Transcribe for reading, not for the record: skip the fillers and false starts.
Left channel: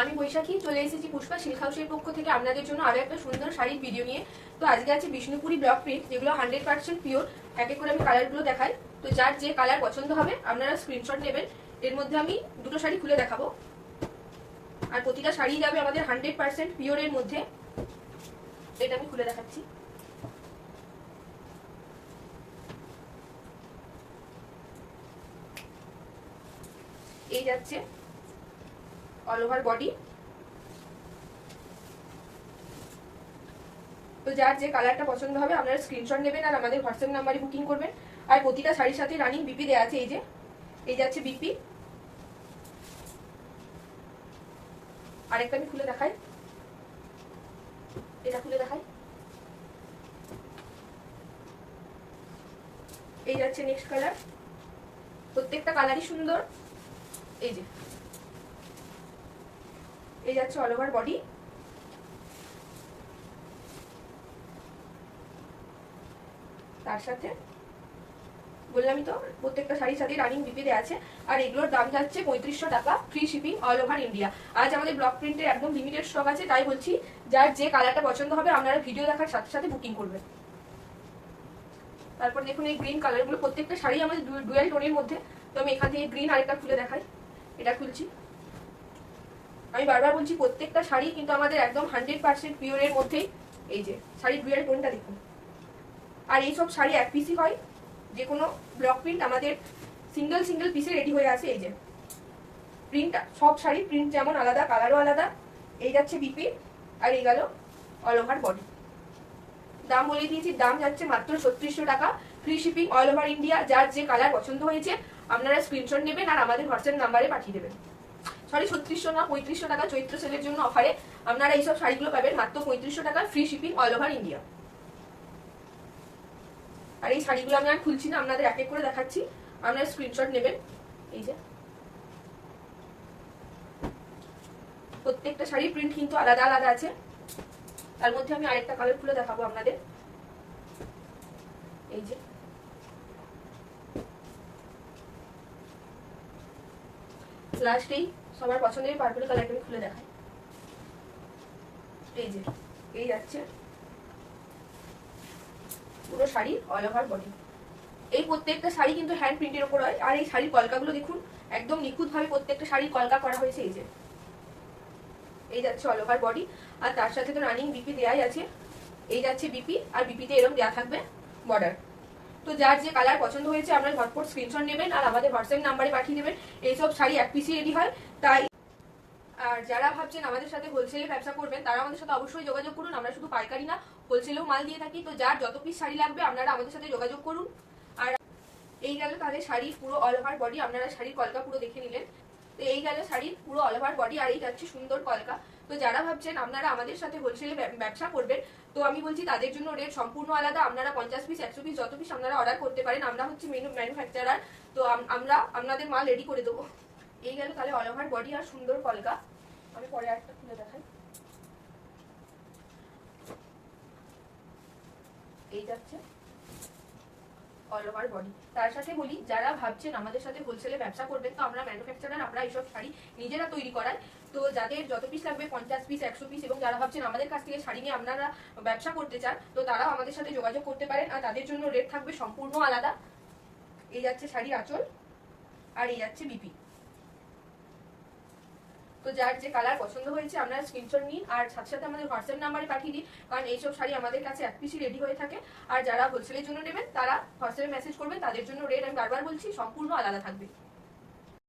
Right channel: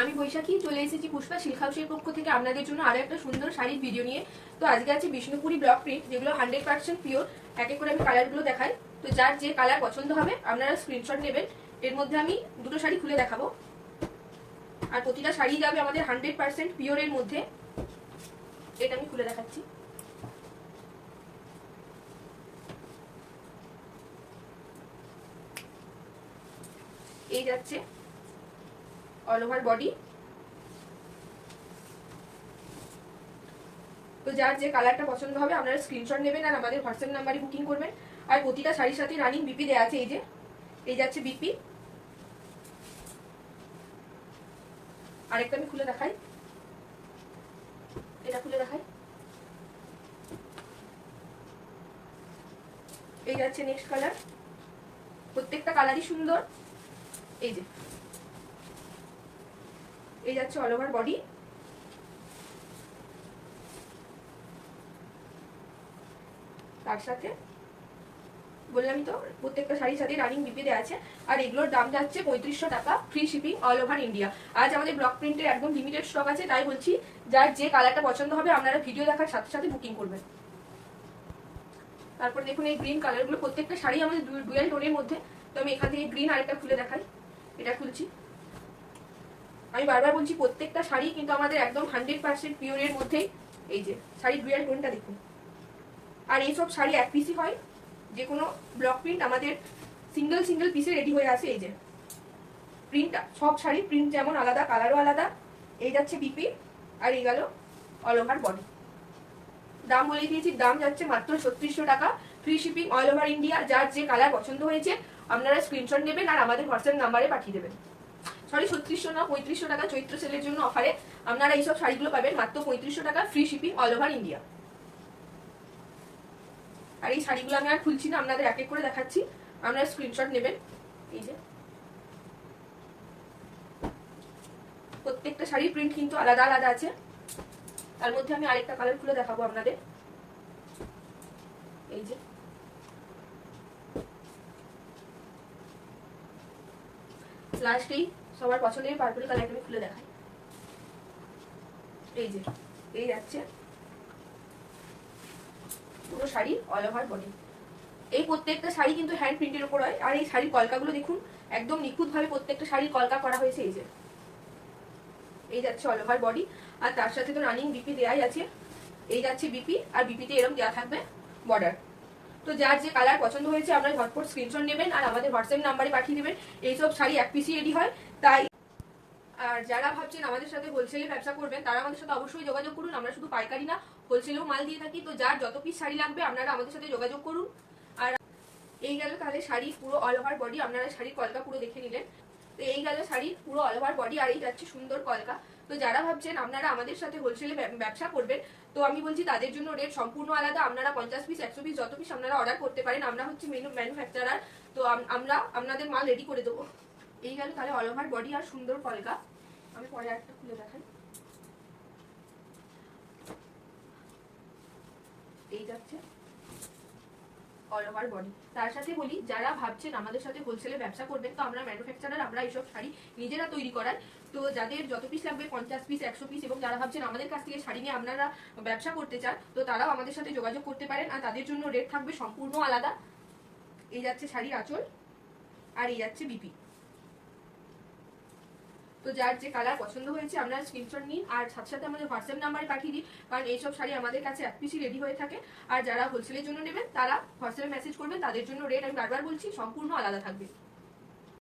আমি বৈশাখী চলে এসেছি পুষ্পা সিল্ক হাউসের পক্ষ থেকে আপনাদের জন্য আরো একটা সুন্দর শাড়ির ভিডিও নিয়ে। তো আজকে আছে বিষ্ণুপুরি ব্লক প্রিন্ট, যেগুলো 100% পিওর। এক এক করে আমি কালারগুলো দেখাই। তো যার যে কালার পছন্দ হবে আপনারা স্ক্রিনশট নেবেন। এর মধ্যে আমি দুটো শাড়ি খুলে দেখাবো, আর প্রতিটা শাড়ি যাবে আমাদের 100% পিওরের মধ্যে। এটা আমি খুলে দেখাচ্ছি। এই যাচ্ছে অল ওভার বডি। তো যার যে কালারটা পছন্দ হবে আপনারা স্ক্রিনশট নেবেন আর আমাদের হোয়াটসঅ্যাপ নাম্বারে বুকিং করবেন। আর প্রতিটা শাড়ির সাথে রানিং বিপি দেওয়া আছে। এই যে এই যাচ্ছে বিপি। আরেকটা আমি খুলে দেখাই, এটা খুলে দেখাই। এই যাচ্ছে নেক্সট কালার। প্রত্যেকটা কালারই সুন্দর। এই যে এই যাচ্ছে অল ওভার বডি। তার সাথে বললামই তো প্রত্যেকটা শাড়ির সাথে রানিং বিপি দেওয়া আছে। আর এগুলোর দাম যাচ্ছে 3500 টাকা, free shipping all over India. আজ আমাদের ব্লক প্রিন্টের একদম লিমিটেড স্টক আছে, তাই বলছি যার যে কালারটা পছন্দ হবে আপনারা ভিডিও দেখার সাথে সাথে বুকিং করবেন। তারপর দেখুন এই গ্রিন কালারগুলো, প্রত্যেকটা শাড়ি আমাদের ডুয়াল টোনের মধ্যে। তো আমি এখান থেকে গ্রিন আরেকটা খুলে দেখাই। এটা খুলছি। আমি বারবার বলছি প্রত্যেকটা শাড়ি কিন্তু আমাদের একদম 100% পিওরের মধ্যেই। এই যে শাড়ি ডুয়াল টোনটা দেখুন। আর এইসব শাড়ি এক পিসই হয়, যে কোনো ব্লক প্রিন্ট আমাদের সিঙ্গেল সিঙ্গেল পিসে রেডি হয়ে আছে। এই যে প্রিন্টটা, সব শাড়ি প্রিন্ট যেমন আলাদা, কালারও আলাদা। এই যাচ্ছে বিপি আর এই গেল অল ওভার বডি। দাম বলে দিয়েছি, দাম যাচ্ছে মাত্র 3600 টাকা, free shipping all over India. যার যে কালার পছন্দ হয়েছে আপনারা স্ক্রিনশট নেবেন আর আমাদের হোয়াটসঅ্যাপ নাম্বারে পাঠিয়ে দেবেন। সরি 3600 না, 3500 টাকা চৈত্র সেলের জন্য অফারে আপনারা এইসব শাড়িগুলো পাবেন মাত্র 3500 টাকা, free shipping all over India. আর এই শাড়িগুলো আমি আর খুলছি না, আপনাদের এক এক করে দেখাচ্ছি, আপনারা স্ক্রিনশট নেবেন। এই যে প্রত্যেকটা শাড়ির প্রিন্ট কিন্তু আলাদা আলাদা আছে। তার মধ্যে আমি আরেকটা কালার খুলে দেখাবো আপনাদের। এই যে লাস্ট এই সবার পছন্দের পার্পল কালারটা আমি খুলে দেখাই। এই যে এই যাচ্ছে পুরো শাড়ি অল ওভার বডি। এই প্রত্যেকটা শাড়ি কিন্তু হ্যান্ড প্রিন্টের উপর হয়। আর এই শাড়ির কলকাগুলো দেখুন, একদম নিখুঁত ভাবে প্রত্যেকটা শাড়ির কলকা করা হয়েছে। এই যে এই যাচ্ছে অল ওভার বডি, আর তার সাথে তো রানিং বিপি দেয়াই আছে। এই যাচ্ছে বিপি, আর বিপিতে এরকম দেওয়া থাকবে বর্ডার। তো যার যে কালার পছন্দ হয়েছে আপনারা ঝটপট স্ক্রিনশট নেবেন আর আমাদের হোয়াটসঅ্যাপ নাম্বারে পাঠিয়ে দেবেন। এইসব শাড়ি এক পিসি রেডি হয়, তাই আর যারা ভাবছেন আমাদের সাথে হোলসেলে ব্যবসা করবেন তারা আমাদের সাথে অবশ্যই যোগাযোগ করুন। আমরা শুধু পাইকারি না, হোলসেলেও মাল দিয়ে থাকি। তো যার যত পিস শাড়ি লাগবে আপনারা আমাদের সাথে যোগাযোগ করুন। আর এই গেল তাদের শাড়ি পুরো অল ওভার বডি, আপনারা শাড়ির কলকা পুরো দেখে নিলেন। তো এই গেল শাড়ির পুরো অল ওভার বডি, আর এই যাচ্ছে সুন্দর কলকা। তো যারা ভাবছেন আপনারা আমাদের সাথে হোলসেলে ব্যবসা করবেন, তো আমি বলছি তাদের জন্য রেট সম্পূর্ণ আলাদা। আপনারা 50 পিস 100 পিস যত পিস আপনারা অর্ডার করতে পারেন, আমরা হচ্ছে ম্যানুফ্যাকচারার। তো আমরা আপনাদের মাল রেডি করে দেবো। এই গেল তাহলে অল ওভার বডি আর সুন্দর কলকা। আমি পরে একটা খুলে দেখাই। এই যাচ্ছে অল ওভার বডি। তার সাথে বলি যারা ভাবছেন আমাদের সাথে হোলসেলে ব্যবসা করবেন, তো আমরা ম্যানুফ্যাকচারার, আমরা এইসব শাড়ি নিজেরা তৈরি করাই। তো যাদের যত পিস লাগবে 50 পিস 100 পিস, এবং যারা ভাবছেন আমাদের কাছ থেকে শাড়ি নিয়ে আপনারা ব্যবসা করতে চান, তো তারাও আমাদের সাথে যোগাযোগ করতে পারেন। আর তাদের জন্য রেট থাকবে সম্পূর্ণ আলাদা। এই যাচ্ছে শাড়ির আঁচল, আর এই যাচ্ছে বিপি। তো যার যে কালার পছন্দ হয়েছে আপনারা স্ক্রিনশট নিন আর সাথে সাথে আমাদের হোয়াটসঅ্যাপ নাম্বারে পাঠিয়ে দিন, কারণ এইসব শাড়ি আমাদের কাছে এক পিসি রেডি হয়ে থাকে। আর যারা হোলসেলের জন্য নেবেন তারা হোয়াটসঅ্যাপে মেসেজ করবেন, তাদের জন্য রেট আমি বারবার বলছি সম্পূর্ণ আলাদা থাকবে।